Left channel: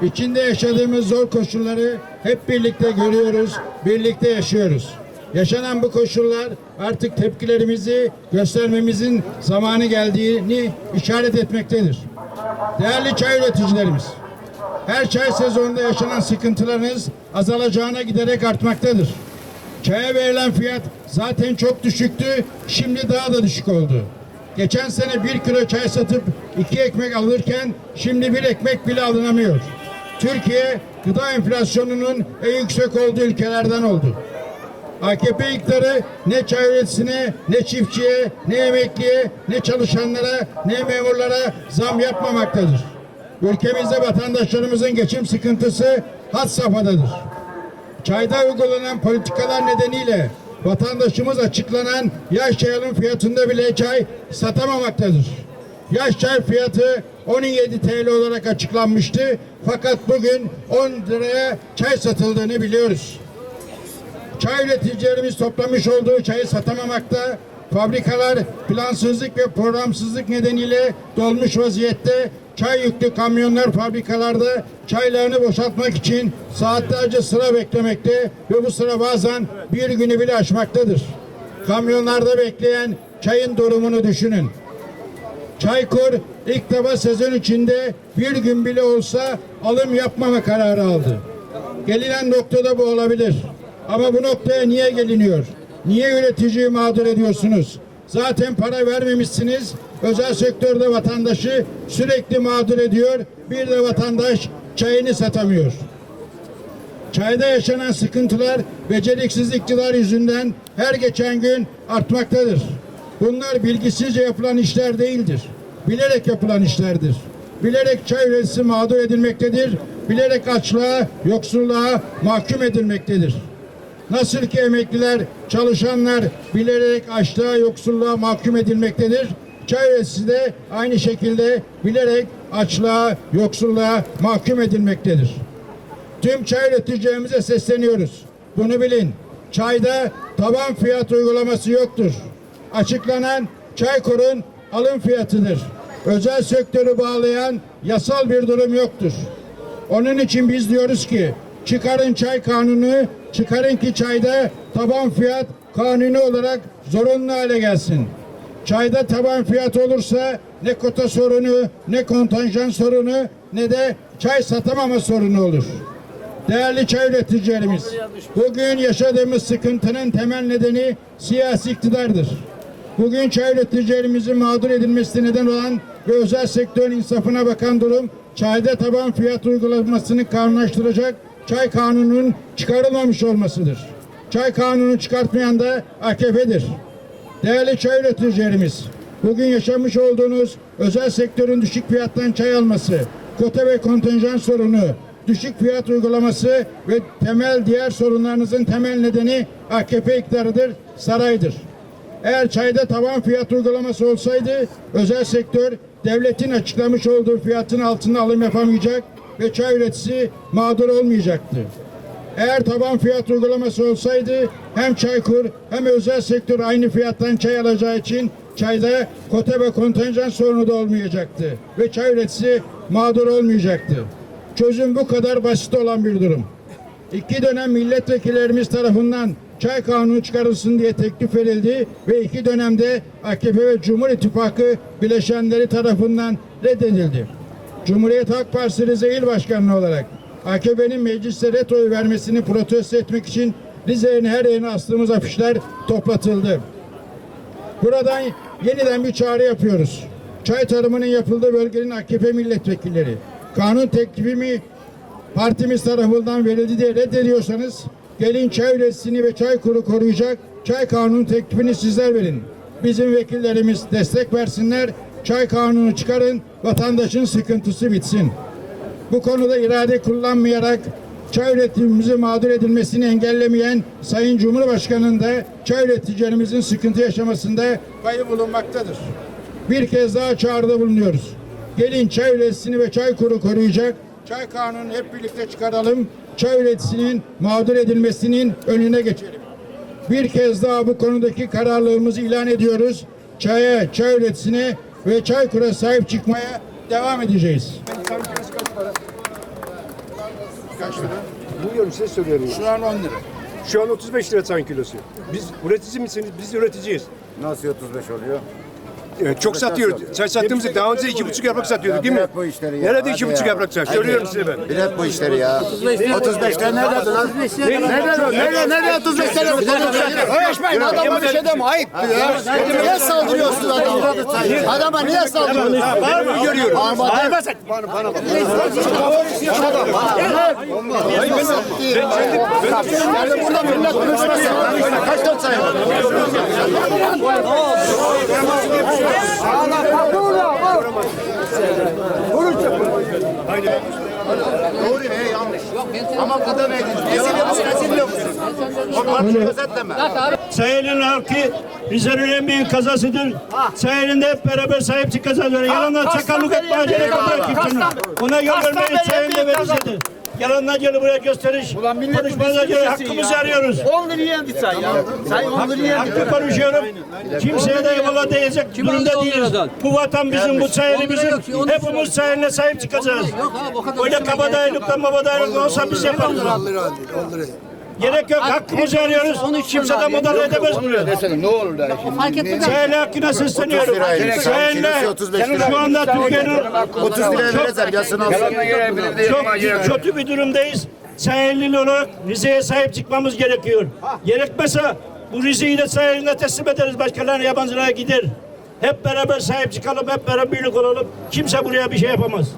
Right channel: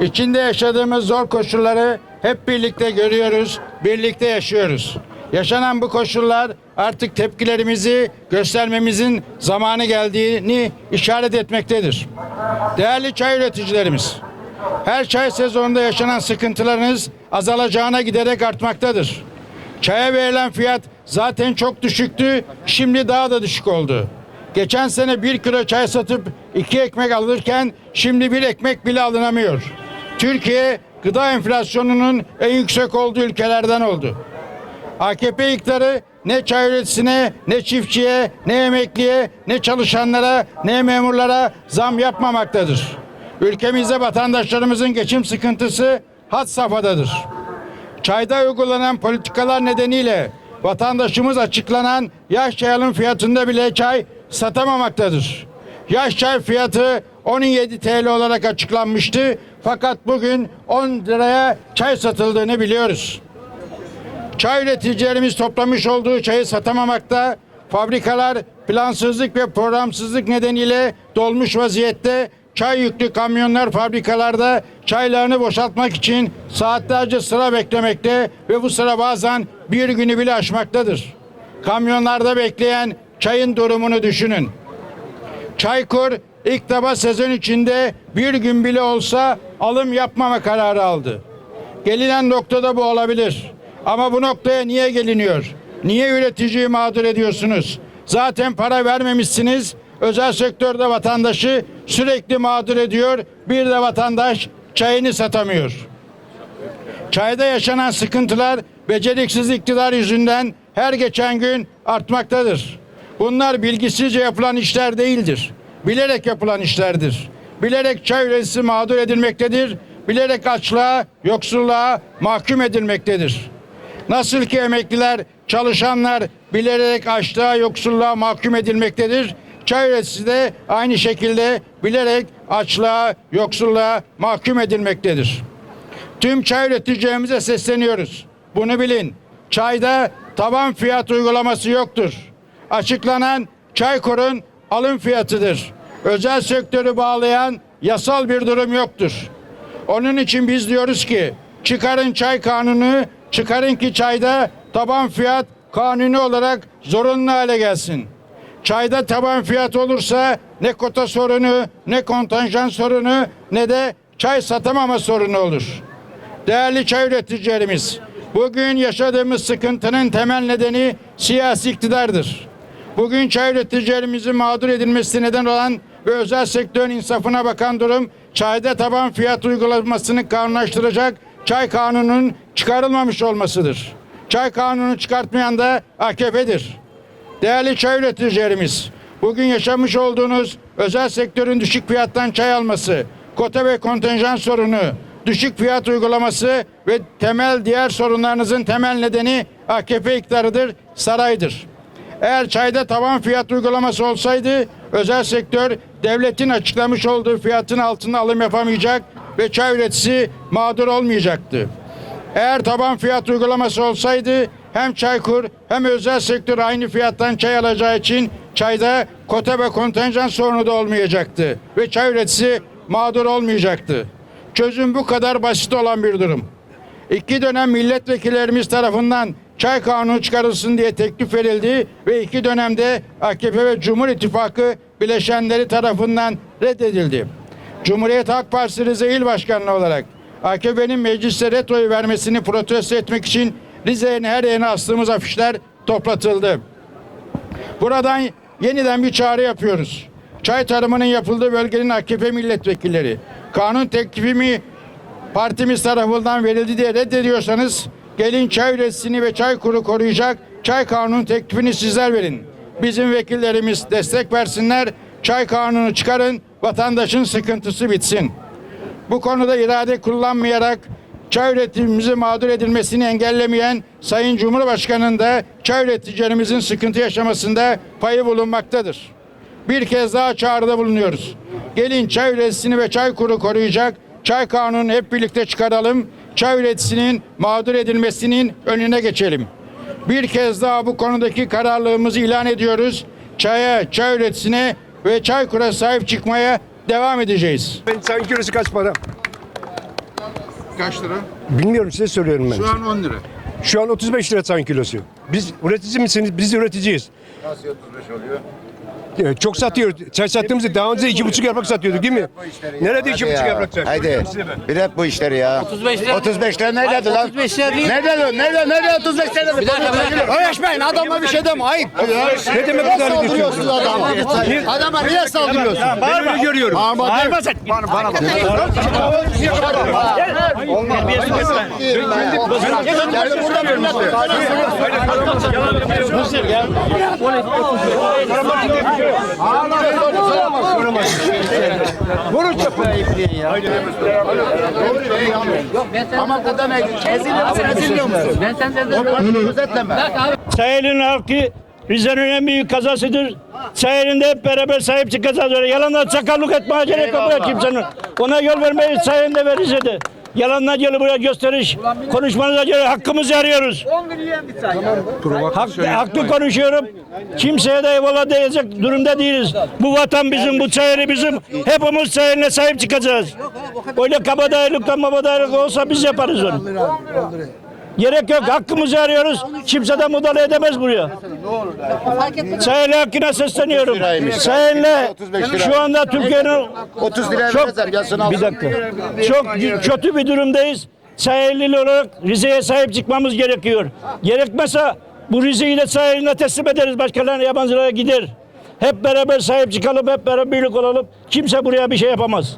İçinde yaşadığımız zor koşulları hep birlikte görüyoruz, birlikte yaşıyoruz. Yaşanan bu koşullar artık tepkilerimizi göstermemizin zamanı geldiğini işaret etmektedir. Değerli çay üreticilerimiz, her çay sezonunda yaşanan sıkıntılarınız azalacağına giderek artmaktadır. Çaya verilen fiyat zaten çok düşüktü, şimdi daha da düşük oldu. Geçen sene bir kilo çay satıp iki ekmek alırken şimdi bir ekmek bile alınamıyor. Türkiye gıda enflasyonunun en yüksek olduğu ülkelerden oldu. AKP iktidarı ne çay üreticisine, ne çiftçiye, ne emekliye, ne çalışanlara, ne memurlara zam yapmamaktadır. Ülkemizde vatandaşlarımızın geçim sıkıntısı had safhadadır. Çayda uygulanan politikalar nedeniyle vatandaşımız açıklanan yaş çay alım fiyatında bile çay satamamaktadır. Yaş çay fiyatı 17 TL olarak açıklanmıştı fakat bugün 10 liraya çay satıldığını biliyoruz. Çay üreticilerimiz toplamış olduğu çayı satamamakta, fabrikalar plansızlık ve programsızlık nedeniyle dolmuş vaziyette çay yüklü kamyonlar fabrikalarda çaylarını boşaltmak için saatlerce sıra beklemekte ve bu sıra bazen bir günü bile aşmaktadır. Kamyonlarda bekleyen çayın durumunu düşünün. Çaykur ilk defa sezon içinde bir gün bile olsa alım yapmama kararı aldı. Gelinen noktada bu olabilir. Ama bu noktaya niye geliniyor? Niye üreticiyi mağdur ediyorsunuz? Zaten para vermemişsiniz. Özel sektörde vatandaşı sürekli mağdur ediyor. Bir de vatandaş çayını satamıyor. Çayda yaşanan sıkıntılar beceriksiz iktidar yüzünden her geçen gün artmaktadır. Bunlar bilgisizce yapılan işler değildir. Bilerek yapılan işlerdir. Bilerek çay üreticisi mağdur edilmektedir. Bilerek açlığa, yoksulluğa mahkum edilmektedir. Nasıl ki emekliler, çalışanlar bilerek açlığa, yoksulluğa mahkum edilmektedir. Çay üreticisi de aynı şekilde bilerek açlığa, yoksulluğa mahkum edilmektedir. Tüm çay üreticilerimize sesleniyoruz. Bunu bilin. Çayda taban fiyat uygulaması yoktur. Açıklanan Çaykur'un alım fiyatıdır. Özel sektörü bağlayan yasal bir durum yoktur. Onun için biz diyoruz ki çıkarın çay kanunu, çıkarın ki çayda taban fiyat kanuni olarak zorunlu hale gelsin. Çayda taban fiyat olursa ne kota sorunu, ne kontenjan sorunu, ne de çay satamama sorunu olur. Değerli çay üreticilerimiz, bugün yaşadığımız sıkıntının temel nedeni siyasi iktidardır. Bugün çay üreticilerimizin mağdur edilmesi neden olan ve özel sektörün insafına bakan durum, çayda taban fiyat uygulamasını kanunlaştıracak çay kanununun çıkarılmamış olmasıdır. Çay kanunu çıkartmayan da AKP'dir. Değerli çay üreticilerimiz, bugün yaşamış olduğunuz özel sektörün düşük fiyattan çay alması, kota ve kontenjan sorunu, düşük fiyat uygulaması ve temel diğer sorunlarınızın temel nedeni AKP iktidarıdır, saraydır. Eğer çayda tavan fiyat uygulaması olsaydı özel sektör devletin açıklamış olduğu fiyatın altında alım yapamayacak ve çay üreticisi mağdur olmayacaktı. Eğer taban fiyat uygulaması olsaydı hem Çaykur hem özel sektör aynı fiyattan çay alacağı için çayda kota ve kontenjan sorunu da olmayacaktı ve çay üreticisi mağdur olmayacaktı. Çözüm bu kadar basit olan bir durum. İki dönem milletvekillerimiz tarafından çay kanunu çıkarılsın diye teklif verildi ve iki dönemde AKP ve Cumhur İttifakı bileşenleri tarafından reddedildi. Cumhuriyet Halk Partisi Rize İl Başkanı olarak AKP'nin mecliste ret oyu vermesini protesto etmek için Rize'nin her yerine astığımız afişler toplatıldı. Buradan yeniden bir çağrı yapıyoruz. Çay tarımının yapıldığı bölgenin AKP milletvekilleri kanun teklifimi partimiz tarafından verildi diye reddediyorsanız gelin çay üreticisini ve çay kuru koruyacak çay kanunu teklifini sizler verin. Bizim vekillerimiz destek versinler. Çay kanunu çıkarın. Vatandaşın sıkıntısı bitsin. Bu konuda irade kullanmayarak çay üretimimizi mağdur edilmesini engellemeyen Sayın Cumhurbaşkanı'nın da çay üreticilerimizin sıkıntı yaşamasında payı bulunmaktadır. Bir kez daha çağrıda bulunuyoruz. Gelin çay üreticisini ve çay kuru koruyacak çay kanunu hep birlikte çıkaralım çay üreticisinin mağdur edilmesinin önüne geçelim. Bir kez daha bu konudaki kararlılığımızı ilan ediyoruz. Çaya, çay üreticisine ve Çaykur'a sahip çıkmaya devam edeceğiz. Çayın kilosu kaç para? Kaç lira? Bilmiyorum size soruyorum ben. Şu an 10 lira. Şu an 35 lira çayın kilosu. Biz üretici misiniz? Biz de üreticiyiz. Nasıl 35 oluyor? Evet, çok satıyoruz. Çay sattığımızda daha önce iki buçuk yaprak satıyorduk değil mi? Bu işleri ya, Nerede hadi iki buçuk ya. yaprak çay? Hadi. Söylüyorum size ben. Bilet bu işleri ya. 35 lira. 35 lira nerede lan? 35 lira. Nerede lan? Nerede? Nerede 35 lira? Bir dakika bir dakika. Adama bir şey deme ayıp. Ya. Niye saldırıyorsunuz adama? Adama niye saldırıyorsunuz? Bağırma. Görüyorum. Bağırma. Bana bana bak. Olmaz. Yani burada millet Böyle kaç kaç sayı? Tamam dedemeydin. Eziliyor musun? Eziliyor musun? Ben sen dedim. Özetleme. Sayının halkı Rize'nin en büyük kazasıdır. Sayının da hep beraber sahip çıkacağız. Yalanlar çakallık etme acele kapıyor kimsenin. Ona yol vermeyiz sayın da Yalanlar gelip buraya gösteriş, konuşmalarla gelip hakkımızı arıyoruz. 10 liraya bir say Hakkı, hakkı konuşuyorum. Kimseye de eyvallah diyecek durumda değiliz. Bu vatan bizim, bu çayırı bizim. Hepimiz çayırına sahip çıkacağız. Öyle kabadayılıkla mabadayılık olsa biz yaparız onu. Gerek yok. Hakkımızı arıyoruz. Kimse de müdahale edemez buraya. Ne olur da. Sayın hakkına sesleniyorum. Sayınla şu anda Türkiye'nin 30 lira vereceğim çok kötü bir durumdayız. Sahilli olarak Rize'ye sahip çıkmamız gerekiyor. Gerekmezse bu Rize'yi de sahiline teslim ederiz. Başkalarına yabancılara gider. Hep beraber sahip çıkalım, hep beraber birlik olalım. Kimse buraya bir şey yapamaz.